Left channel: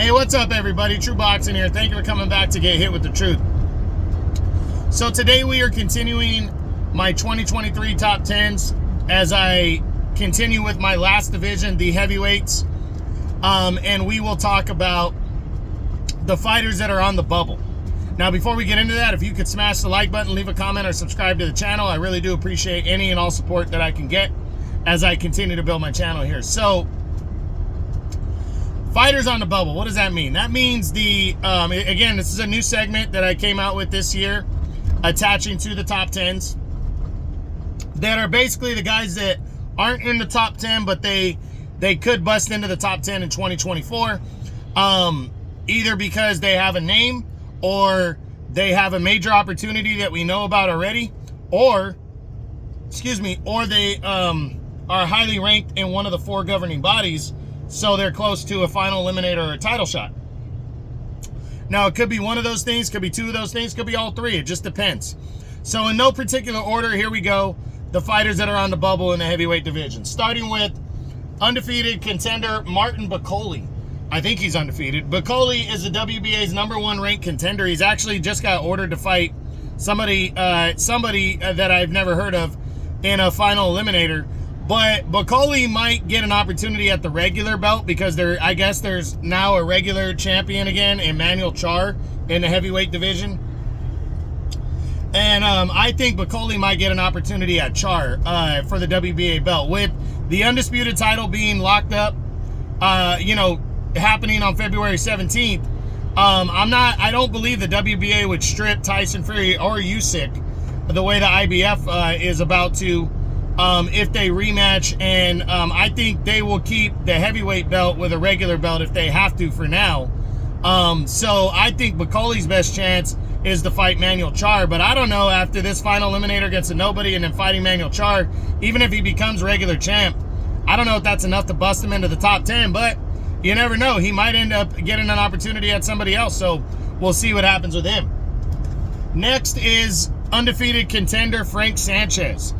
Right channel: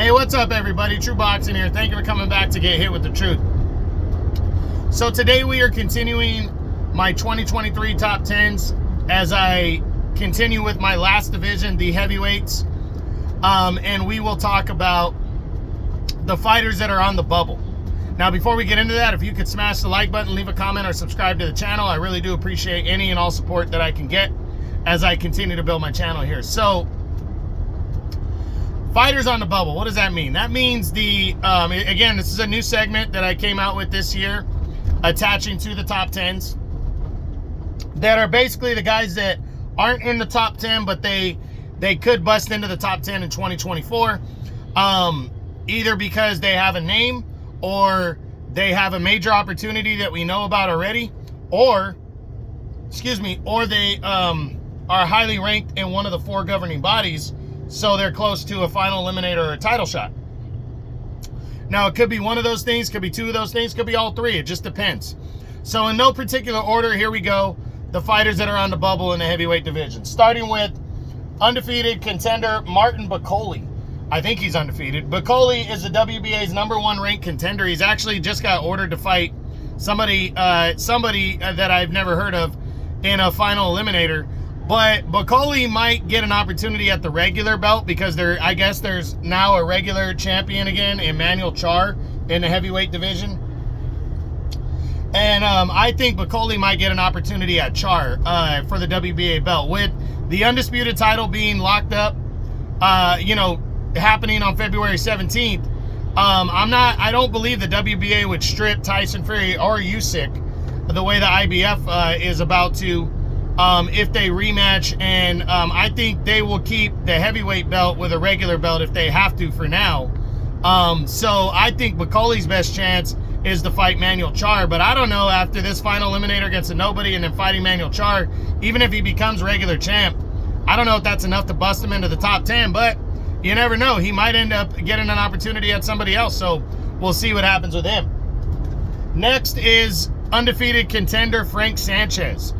Hey, what's up, everybody? True Boxing here. Thank you for coming back to get hit with the truth. So today we are continuing my 2023 top 10s as I continue with my last division, the heavyweights. And we will talk about the fighters that are on the bubble. Now, before we get into that, if you could smash the like button, leave a comment, or subscribe to the channel, I really do appreciate any and all support that I can get as I continue to build my channel here. So, fighters on the bubble, what does that mean? That means again, this is a new segment that I came out with this year, attaching to the top 10s, that are basically the guys that aren't in the top 10, but they could bust into the top 10 in 2024, either because they have a name, or they have a major opportunity that we know about already, or they are highly ranked in one of the 4 governing bodies, so they're close to a final eliminator or a title shot. Now, it could be one of those things, could be 2 of those things, could be all 3. It just depends. So in no particular order, here we go. The fighters that are on the bubble in the heavyweight division. Starting with undefeated contender Martin Bakole. I think he's undefeated. Bakole is the WBA's #1 ranked contender. He's actually just got ordered to fight somebody that I've never heard of in a final eliminator. But Bakole might get an opportunity at the regular belt because I guess there's now a regular champion again, Emmanuel Char, in the heavyweight division. And I think Bakole might get an opportunity at Char for the WBA belt. With the undisputed title being locked up, happening on February 17th, I don't believe the WBA would strip Tyson Fury or Usyk the way the IBF is about to, if they rematch, and I think they will keep the heavyweight belt with a regular belt if they have to for now. So I think Bakole's best chance is to fight Manuel Char, but I don't know, after this final eliminator against a nobody and then fighting Manuel Char, even if he becomes regular champ, I don't know if that's enough to bust him into the top 10, but you never know. He might end up getting an opportunity at somebody else, so we'll see what happens with him. Next is undefeated contender Frank Sanchez.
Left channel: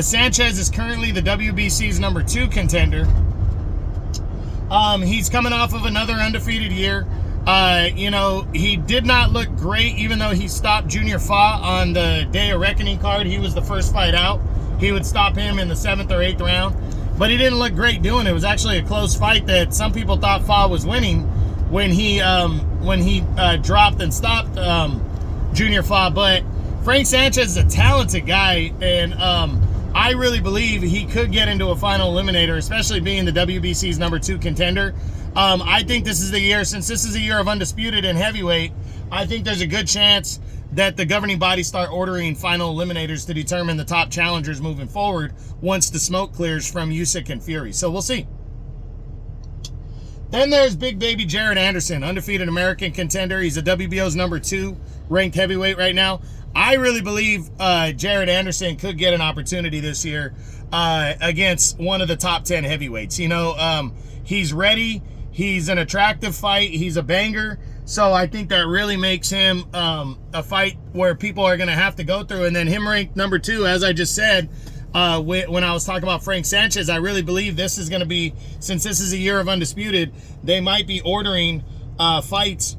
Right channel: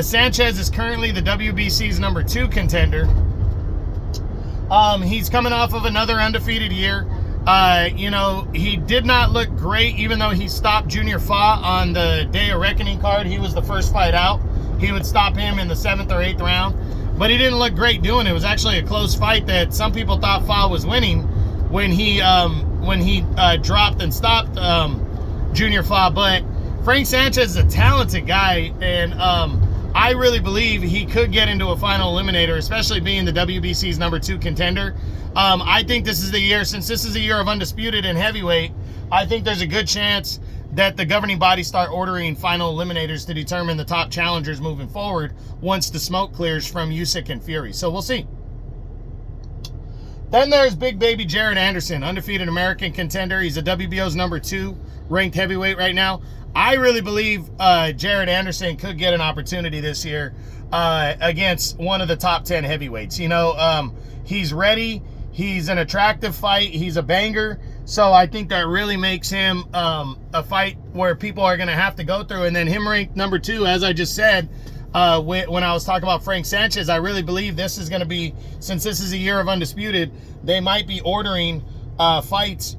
Sanchez is currently the WBC's #2 contender. He's coming off of another undefeated year. He did not look great, even though he stopped Junior Fa on the Day of Reckoning card. He was the first fight out. He would stop him in the 7th or 8th round. But he didn't look great doing it. It was actually a close fight that some people thought Fa was winning when he dropped and stopped Junior Fa. But Frank Sanchez is a talented guy, and I really believe he could get into a final eliminator, especially being the WBC's #2 contender. I think this is the year, since this is a year of undisputed in heavyweight, I think there's a good chance that the governing bodies start ordering final eliminators to determine the top challengers moving forward once the smoke clears from Usyk and Fury. So we'll see. Then there's big baby Jared Anderson, undefeated American contender. He's a WBO's #2 ranked heavyweight right now. I really believe Jared Anderson could get an opportunity this year against one of the top 10 heavyweights. He's ready. He's an attractive fight. He's a banger. So I think that really makes him a fight where people are going to have to go through. And then him ranked #2, as I just said, when I was talking about Frank Sanchez, I really believe this is going to be, since this is a year of undisputed, they might be ordering fights,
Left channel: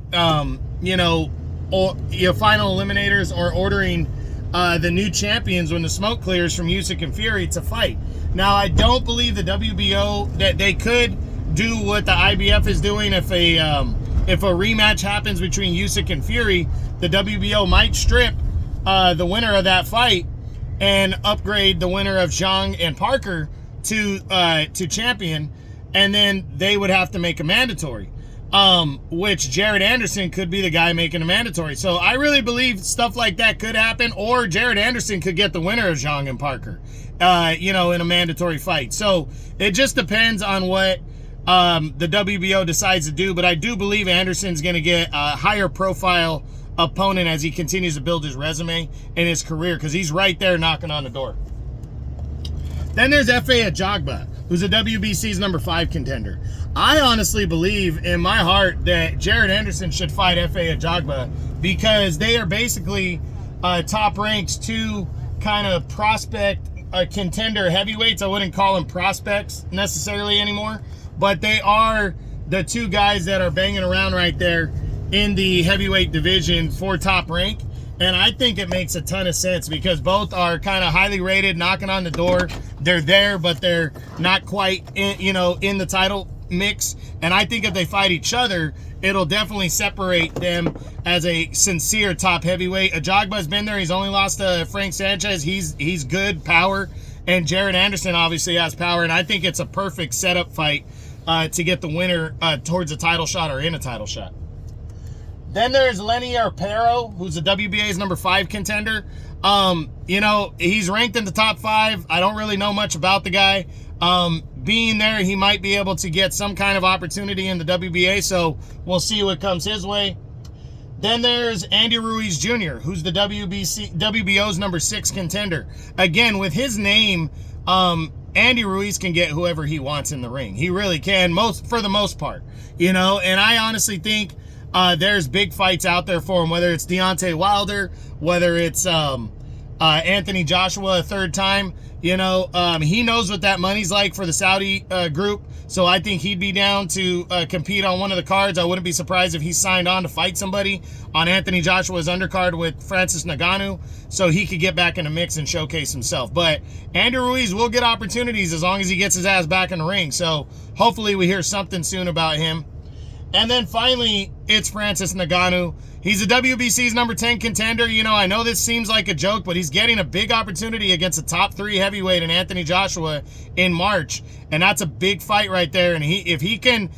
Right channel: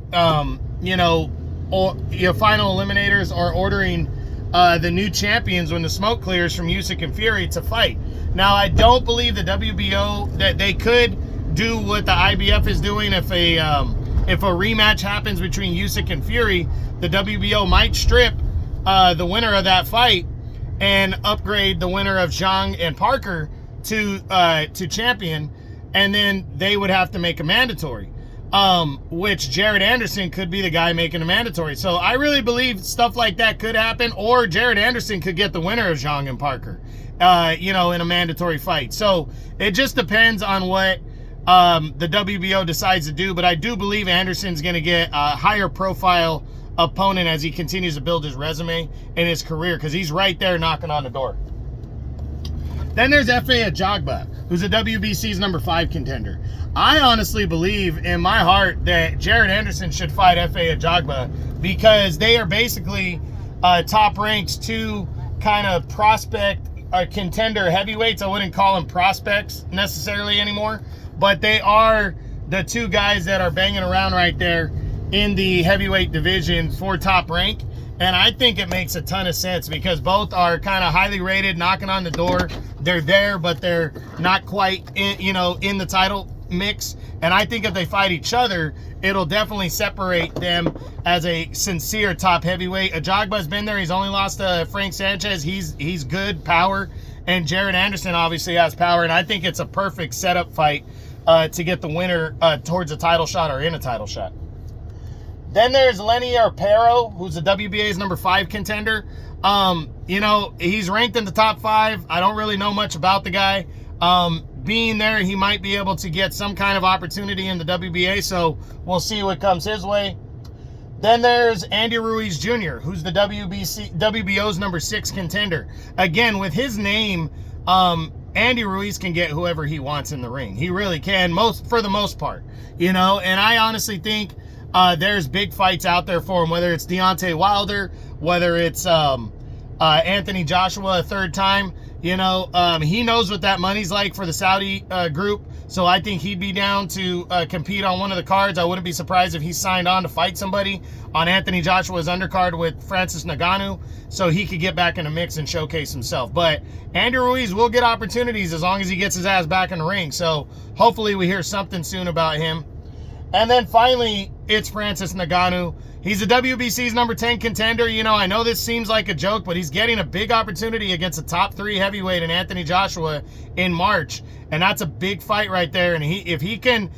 or your final eliminators, or ordering the new champions when the smoke clears from Usyk and Fury to fight. Now, I don't believe the WBO, that they could do what the IBF is doing. If a rematch happens between Usyk and Fury, the WBO might strip the winner of that fight and upgrade the winner of Zhang and Parker to champion, and then they would have to make a mandatory, which Jared Anderson could be the guy making a mandatory. So I really believe stuff like that could happen, or Jared Anderson could get the winner of Zhang and Parker, in a mandatory fight. So it just depends on what the WBO decides to do, but I do believe Anderson's going to get a higher profile opponent as he continues to build his resume and his career, because he's right there knocking on the door. Then there's Efe Ajagba, who's a WBC's #5 contender. I honestly believe in my heart that Jared Anderson should fight Efe Ajagba, because they are basically top ranked 2 kind of prospect contender heavyweights. I wouldn't call them prospects necessarily anymore, but they are the two guys that are banging around right there in the heavyweight division for top rank. And I think it makes a ton of sense because both are kind of highly rated, knocking on the door. They're there, but they're not quite in, in the title mix. And I think if they fight each other, it'll definitely separate them as a sincere top heavyweight. Ajagba's been there. He's only lost to Frank Sanchez. He's good power. And Jared Anderson obviously has power. And I think it's a perfect setup fight to get the winner towards a title shot or in a title shot. Then there's Lenny Arpero, who's the WBA's number 5 contender. He's ranked in the top 5. I don't really know much about the guy. Being there, he might be able to get some kind of opportunity in the WBA, so we'll see what comes his way. Then there's Andy Ruiz Jr., who's the WBO's number 6 contender. Again, with his name, Andy Ruiz can get whoever he wants in the ring. He really can, for the most part. And I honestly think there's big fights out there for him, whether it's Deontay Wilder, whether it's Anthony Joshua a third time. He knows what that money's like for the Saudi group, so I think he'd be down to compete on one of the cards. I wouldn't be surprised if he signed on to fight somebody on Anthony Joshua's undercard with Francis Ngannou, so he could get back in the mix and showcase himself. But Andy Ruiz will get opportunities as long as he gets his ass back in the ring, so hopefully we hear something soon about him. And then finally, it's Francis Ngannou. He's the WBC's number 10 contender. I know this seems like a joke, but he's getting a big opportunity against a top 3 heavyweight in Anthony Joshua in March. And that's a big fight right there. And if he can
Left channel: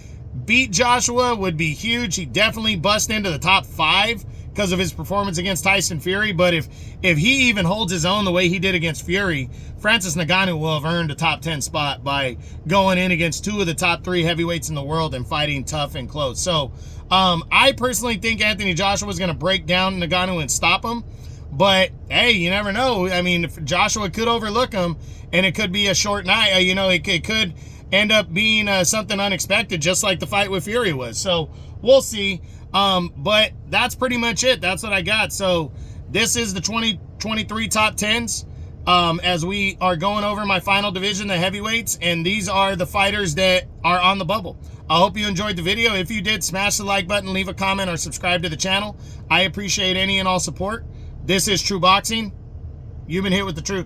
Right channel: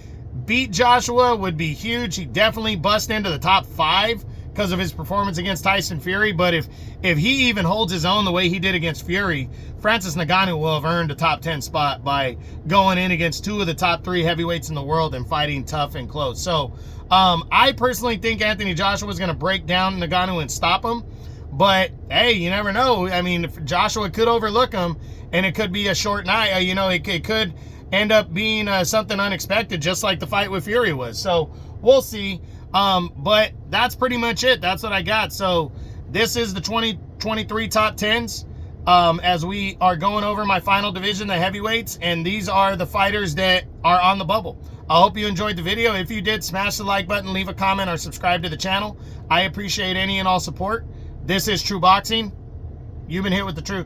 beat Joshua, would be huge. He definitely bust into the top 5 because of his performance against Tyson Fury. But if he even holds his own the way he did against Fury, Francis Ngannou will have earned a top 10 spot by going in against 2 of the top 3 heavyweights in the world and fighting tough and close. So I personally think Anthony Joshua is going to break down Ngannou and stop him. But hey, you never know. I mean, if Joshua could overlook him, and it could be a short night. It could end up being something unexpected, just like the fight with Fury was. So we'll see. But that's pretty much it. That's what I got. So this is the 2023 top 10s. As we are going over my final division, the heavyweights, and these are the fighters that are on the bubble. I hope you enjoyed the video. If you did, smash the like button, leave a comment, or subscribe to the channel. I appreciate any and all support. This is True Boxing. You've been hit with the truth.